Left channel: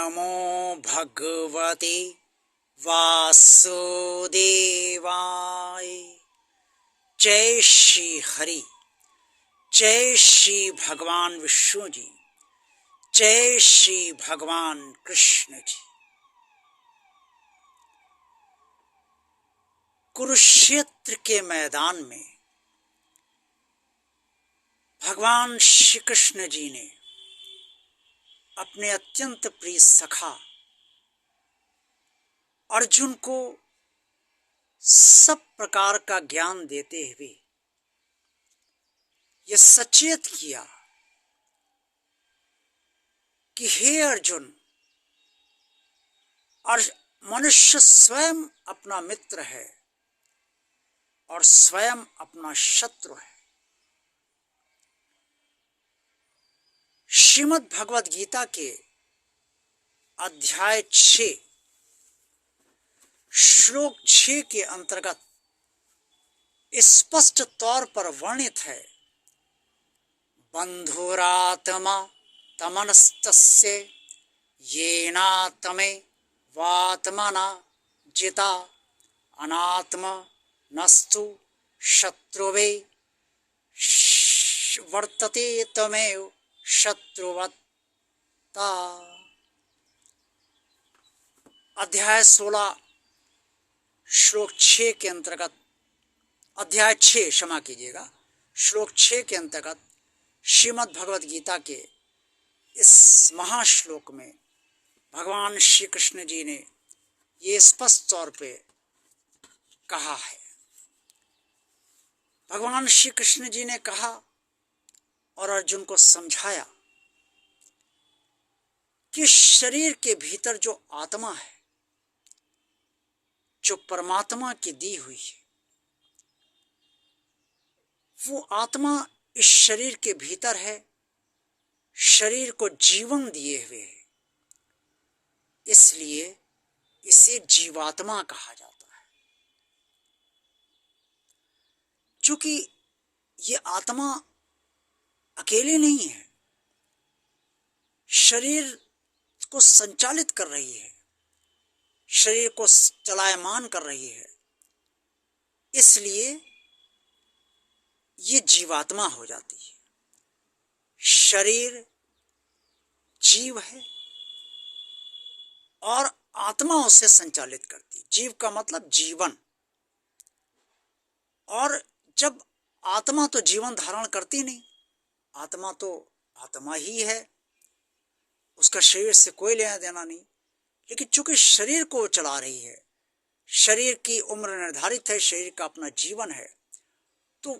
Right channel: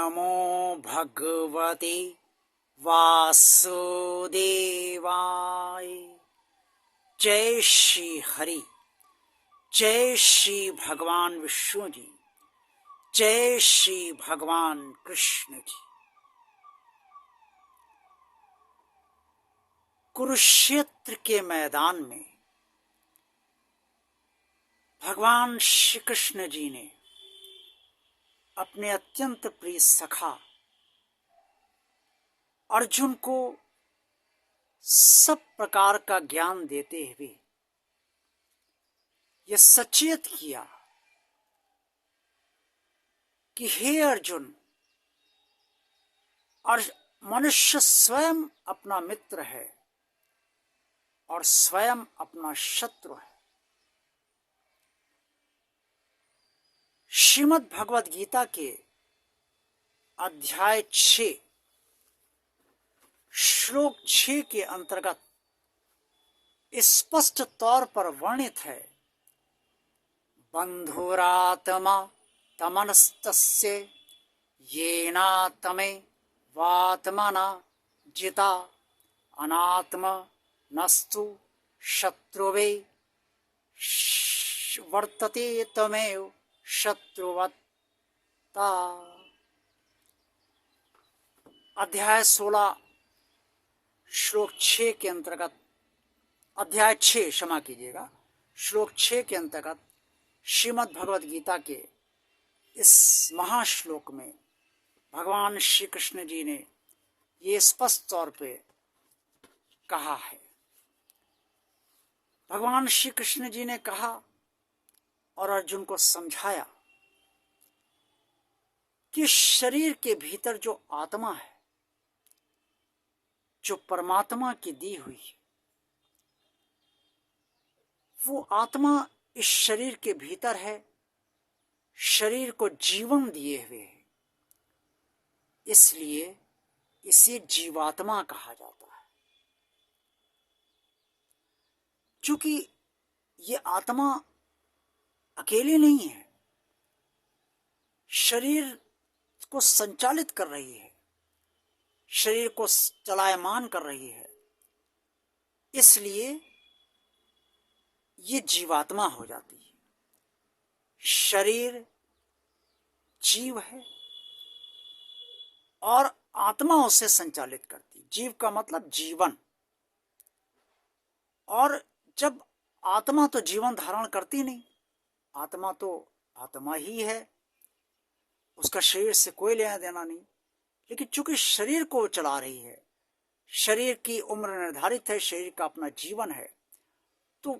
नमो भगवते वासुदेवाय। जय श्री हरि, जय श्री भगवान विष्णु जी, जय श्री भगवान कृष्ण जी। कुरुक्षेत्र के मैदान में भगवान श्री कृष्ण जी ने अपने अत्यंत प्रिय सखा अर्जुन को सब प्रकार का ज्ञान देते हुए यह सचेत किया कि हे अर्जुन, और मनुष्य स्वयं अपना मित्र है और स्वयं अपना शत्रु है। श्रीमद् भगवद गीता के अध्याय 6 श्लोक 6 के अंतर्गत स्पष्ट तौर पर वर्णित है, बंधुरात्मा तमनस्तस्य येनात्मे वात्मना जिता अनात्म नस्तु शत्रुवे वर्तते तमेव शत्रुवत्ता। अध्याय 16 श्लोक 6 के अंतर्गत, अध्याय 6 क्षमा कीजिएगा, श्लोक 6 के अंतर्गत श्रीमद् भगवद गीता के इस महाश्लोक में भगवान श्री कृष्ण जी ने ये स्पष्ट तौर पे कहा है। भगवान श्री कृष्ण जी ने कहा और अर्जुन को समझाया कि शरीर के भीतर जो आत्मा है, जो परमात्मा की दी हुई है, वो आत्मा इस शरीर के भीतर है, शरीर को जीवन दिए हुए है, इसलिए इसे जीवात्मा कहा जाता है। क्योंकि ये आत्मा अकेले नहीं है, शरीर को संचालित कर रही है, शरीर को चलायमान कर रही है, इसलिए ये जीवात्मा हो जाती है। शरीर जीव है और आत्मा उसे संचालित करती। जीव का मतलब जीवन, और जब आत्मा तो जीवन धारण करती नहीं, आत्मा तो आत्मा ही है, उसका शरीर से कोई लेना देना नहीं। लेकिन चूंकि शरीर को चला रही है, शरीर की उम्र निर्धारित है, शरीर का अपना जीवन है, तो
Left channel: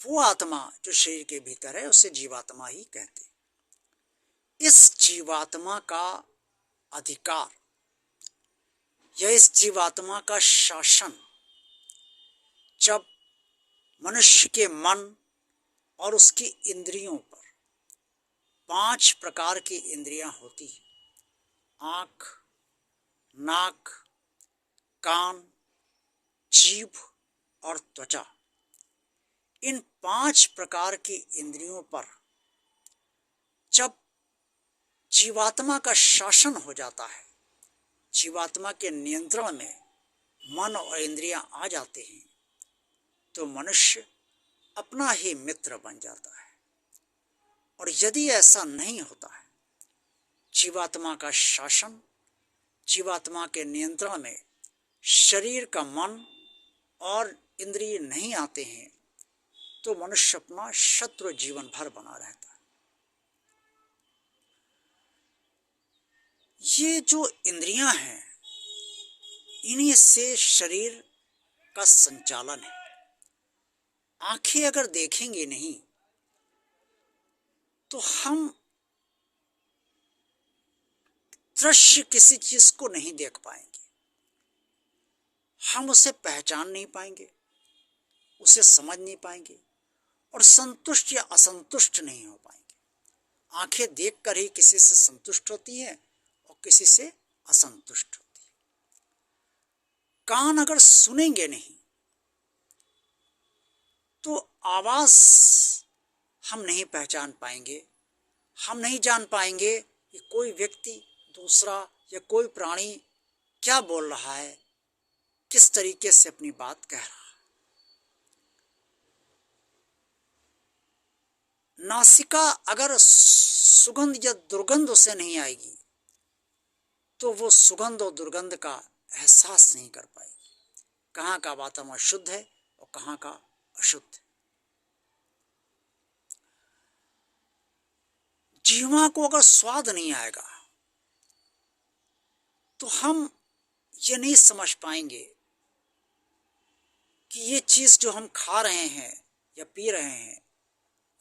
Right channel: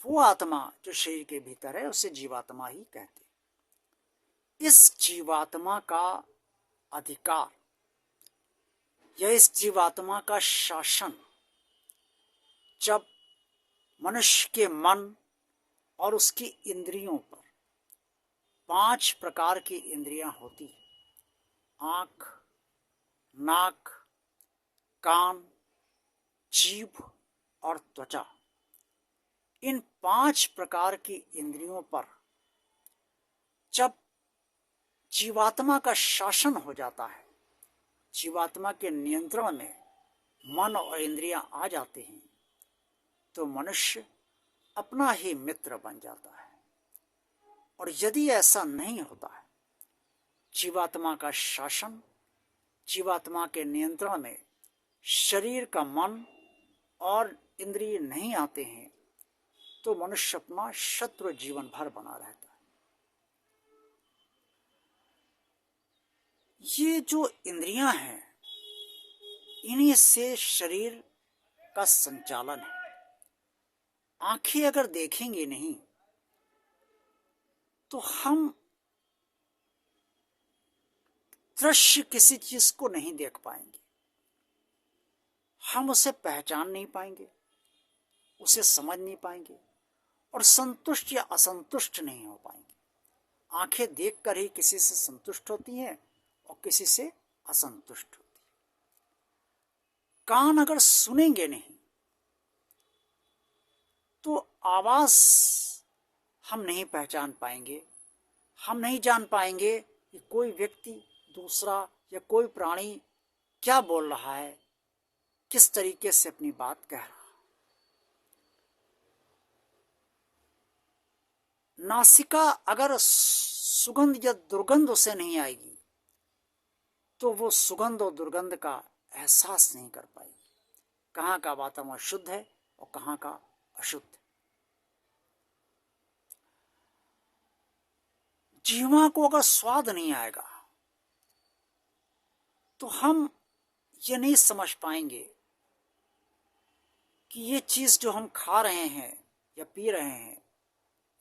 वो आत्मा जो शरीर के भीतर है उसे जीवात्मा ही कहते हैं। इस जीवात्मा का अधिकार या इस जीवात्मा का शासन जब मनुष्य के मन और उसकी इंद्रियों पर 5 प्रकार की इंद्रियां होती हैं, आँख, नाक, कान, जीभ और त्वचा, इन 5 प्रकार की इंद्रियों पर जब जीवात्मा का शासन हो जाता है, जीवात्मा के नियंत्रण में मन और इंद्रियां आ जाते हैं, तो मनुष्य अपना ही मित्र बन जाता है। और यदि ऐसा नहीं होता है, जीवात्मा का शासन, जीवात्मा के नियंत्रण में शरीर का मन और इंद्रिय नहीं आते हैं, तो मनुष्य अपना शत्रु जीवन भर बना रहता है। ये जो इंद्रियां हैं, इन्हीं से शरीर का संचालन है। आंखें अगर देखेंगे नहीं तो हम दृश्य किसी चीज को नहीं देख पाएंगे, हम उसे पहचान नहीं पाएंगे, उसे समझ नहीं पाएंगे और संतुष्ट या असंतुष्ट नहीं हो पाएंगे। आंखें देखकर ही किसी से संतुष्ट होती हैं और किसी से असंतुष्ट होती है। कान अगर सुनेंगे नहीं तो आवाज हम नहीं पहचान पाएंगे, हम नहीं जान पाएंगे कि कोई व्यक्ति दूसरा या कोई प्राणी क्या बोल रहा है, किस तरीके से अपनी बात कह रहा है। नासिका अगर सुगंध या दुर्गंध उसे नहीं आएगी तो वो सुगंध और दुर्गंध का एहसास नहीं कर पाएगी, कहाँ का वातावरण शुद्ध है और कहाँ का अशुद्ध है। जीवा को अगर स्वाद नहीं आएगा तो हम ये नहीं समझ पाएंगे कि ये चीज़ जो हम खा रहे हैं या पी रहे हैं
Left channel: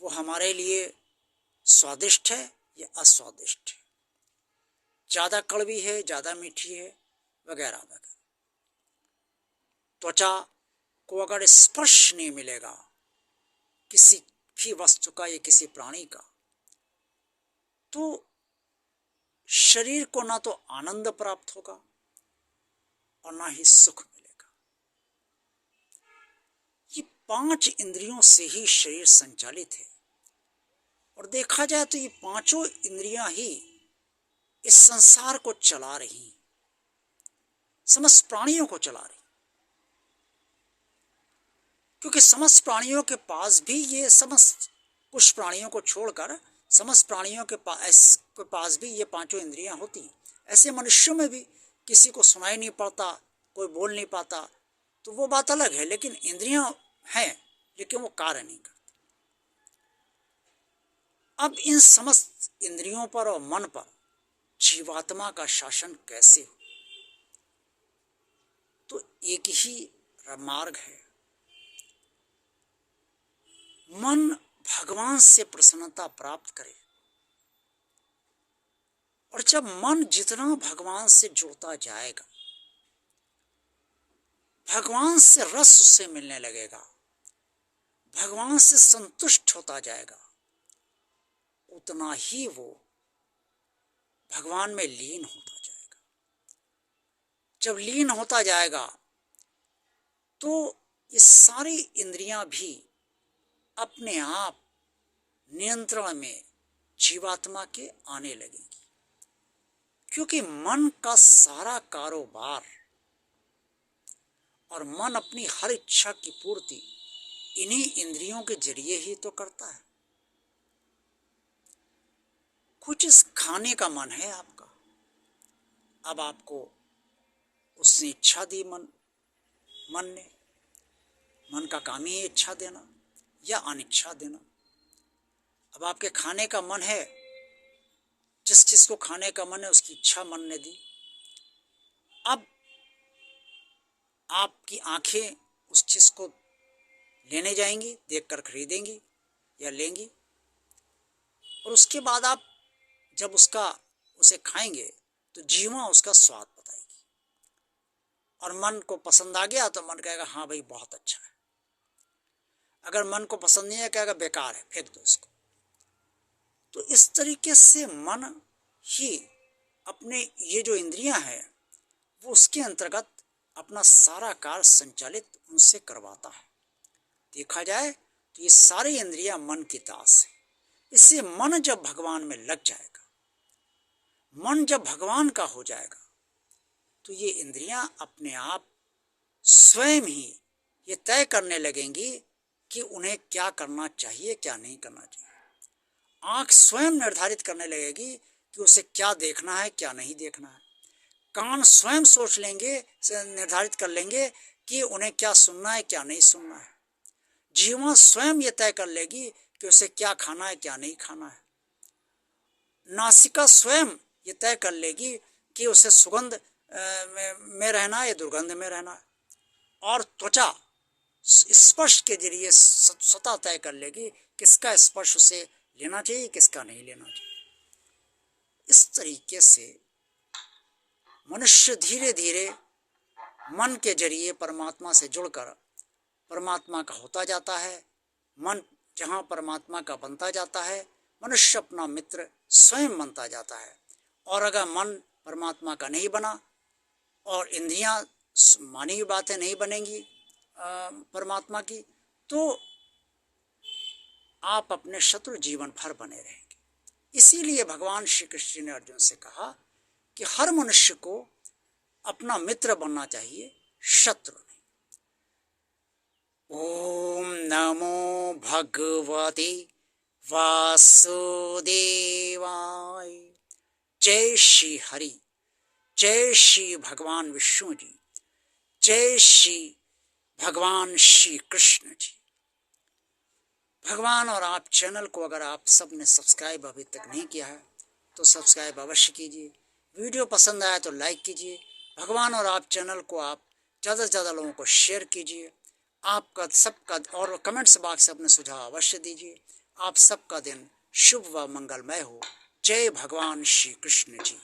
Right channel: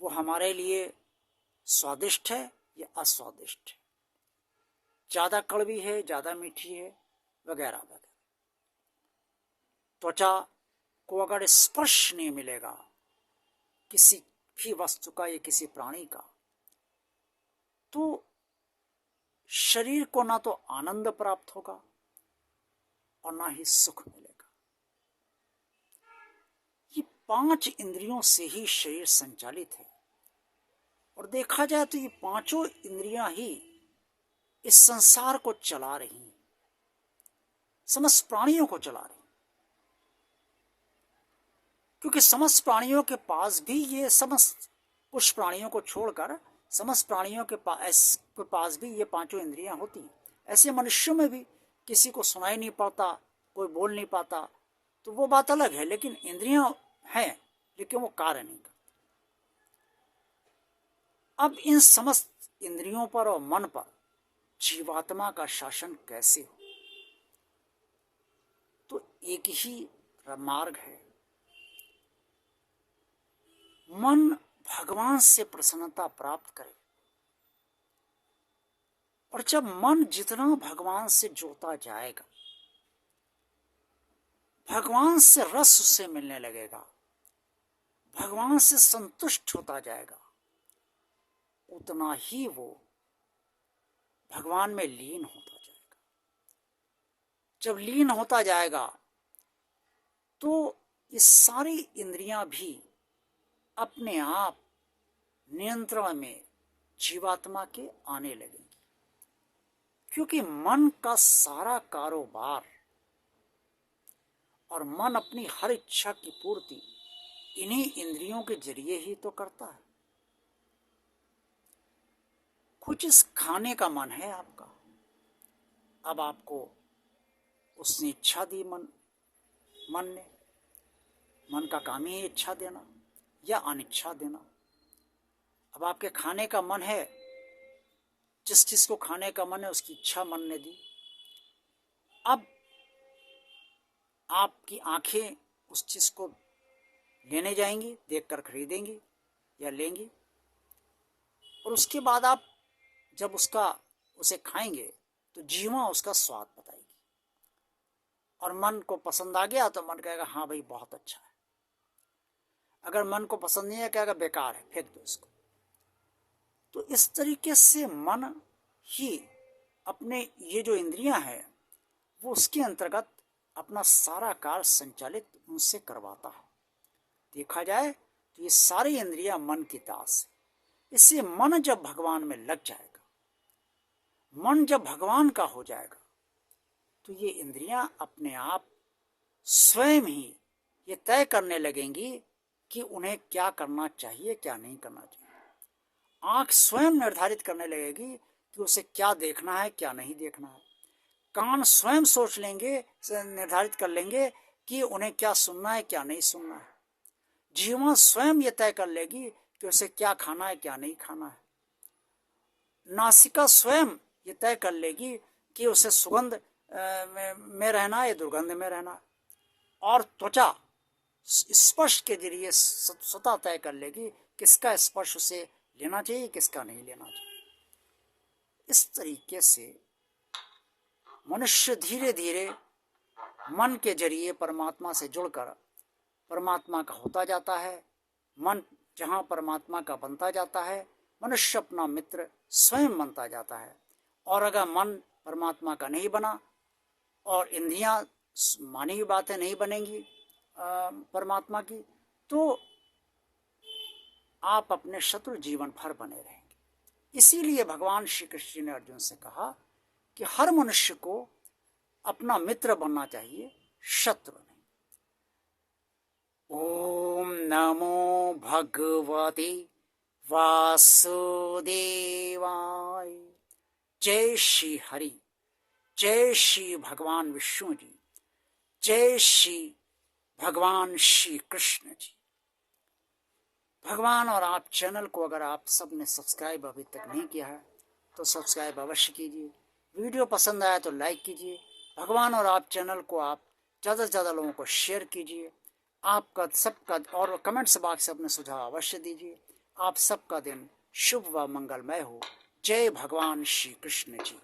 वो हमारे लिए स्वादिष्ट है या अस्वादिष्ट है, ज़्यादा कड़वी है, ज़्यादा मीठी है, वगैरह वगैरह। त्वचा को अगर स्पर्श नहीं मिलेगा किसी भी वस्तु का या किसी प्राणी का, तो शरीर को ना तो आनंद प्राप्त होगा और ना ही सुख मिलेगा। ये 5 इंद्रियों से ही शरीर संचालित है और देखा जाए तो ये 5 इंद्रियां ही इस संसार को चला रही, समस्त प्राणियों को चला रही, क्योंकि समस्त प्राणियों के पास भी ये समस्त, कुछ प्राणियों को छोड़कर समस्त प्राणियों के पास भी ये 5 इंद्रियां होती हैं। ऐसे मनुष्यों में भी किसी को सुनाई नहीं पड़ता, कोई बोल नहीं पाता, तो वो बात अलग है, लेकिन इंद्रियां हैं लेकिन वो कार्य नहीं करती। अब इन समस्त इंद्रियों पर और मन पर जीवात्मा का शासन कैसे हो? तो एक ही मार्ग है, मन भगवान से प्रसन्नता प्राप्त करे। और जब मन जितना भगवान से जुड़ता जाएगा, भगवान से रस उससे मिलने लगेगा, भगवान से संतुष्ट होता जाएगा, उतना ही वो भगवान में लीन होता जाएगा। जब लीन होता जाएगा तो ये सारी इंद्रियां भी अपने आप नियंत्रण में जीवात्मा के आने लगेंगी, क्योंकि मन का सारा कारोबार और मन अपनी हर इच्छा की पूर्ति इन्हीं इंद्रियों के जरिए ही तो करता है। कुछ इस खाने का मन है आपका, अब आपको उसने इच्छा दी, मन ने, मन का काम ही इच्छा देना या अनिच्छा देना। अब आपके खाने का मन है, जिस चीज को खाने का मन है उसकी इच्छा मन ने दी। अब आपकी आंखें उस चीज को लेने जाएंगी, देखकर खरीदेंगी या लेंगी, और उसके बाद आप जब उसे खाएंगे तो जीवा उसका स्वाद बताएगी, और मन को पसंद आ गया तो मन कहेगा हाँ भाई बहुत अच्छा है। अगर मन को पसंद नहीं है कहेगा बेकार है, फेंक दो इसको। तो इस तरीके से मन ही अपने ये जो इंद्रियां हैं वो उसके अंतर्गत अपना सारा कार्य संचालित उनसे करवाता है। देखा जाए तो ये सारी इंद्रियां मन की दास है। इससे मन जब भगवान में लग जाएगा, मन जब भगवान का हो जाएगा, तो ये इंद्रियां अपने आप स्वयं ही ये तय करने लगेंगी कि उन्हें क्या करना चाहिए, क्या नहीं करना चाहिए। आँख स्वयं निर्धारित करने लगेगी कि उसे क्या देखना है, क्या नहीं देखना है। कान स्वयं सोच लेंगे, निर्धारित कर लेंगे कि उन्हें क्या सुनना है, क्या नहीं सुनना है। जीवा स्वयं ये तय कर लेगी कि उसे क्या खाना है, क्या नहीं खाना है। नासिका स्वयं ये तय कर लेगी कि उसे सुगंध में रहना है या दुर्गंध में रहना है। और त्वचा स्पर्श के जरिए स्वतः तय कर लेगी किसका स्पर्श उसे लेना चाहिए, किसका नहीं लेना चाहिए। इस तरीके से मनुष्य धीरे धीरे मन के जरिए परमात्मा से जुड़कर परमात्मा का होता जाता है। मन जहाँ परमात्मा का बनता जाता है, मनुष्य अपना मित्र स्वयं बनता जाता है। और अगर मन परमात्मा का नहीं बना और इंद्रियां मानी हुई बातें नहीं बनेंगी परमात्मा की, तो आप अपने शत्रु जीवन भर बने रहेंगे। इसीलिए भगवान श्री कृष्ण ने अर्जुन से कहा कि हर मनुष्य को अपना मित्र बनना चाहिए, शत्रु नहीं। ओम नमो भगवते वासुदेवाय। जय श्री हरि, जय श्री भगवान विष्णु जी, जय श्री भगवान श्री कृष्ण जी। भगवान और आप चैनल को अगर आप सब ने सब्सक्राइब अभी तक नहीं किया है तो सब्सक्राइब अवश्य कीजिए। वीडियो पसंद आया तो लाइक कीजिए। भगवान और आप चैनल को आप ज़्यादा से ज़्यादा लोगों को शेयर कीजिए। आपका सबका और कमेंट्स बॉक्स अपने सुझाव अवश्य दीजिए। आप सबका दिन शुभ व मंगलमय हो। जय भगवान श्री कृष्ण जी।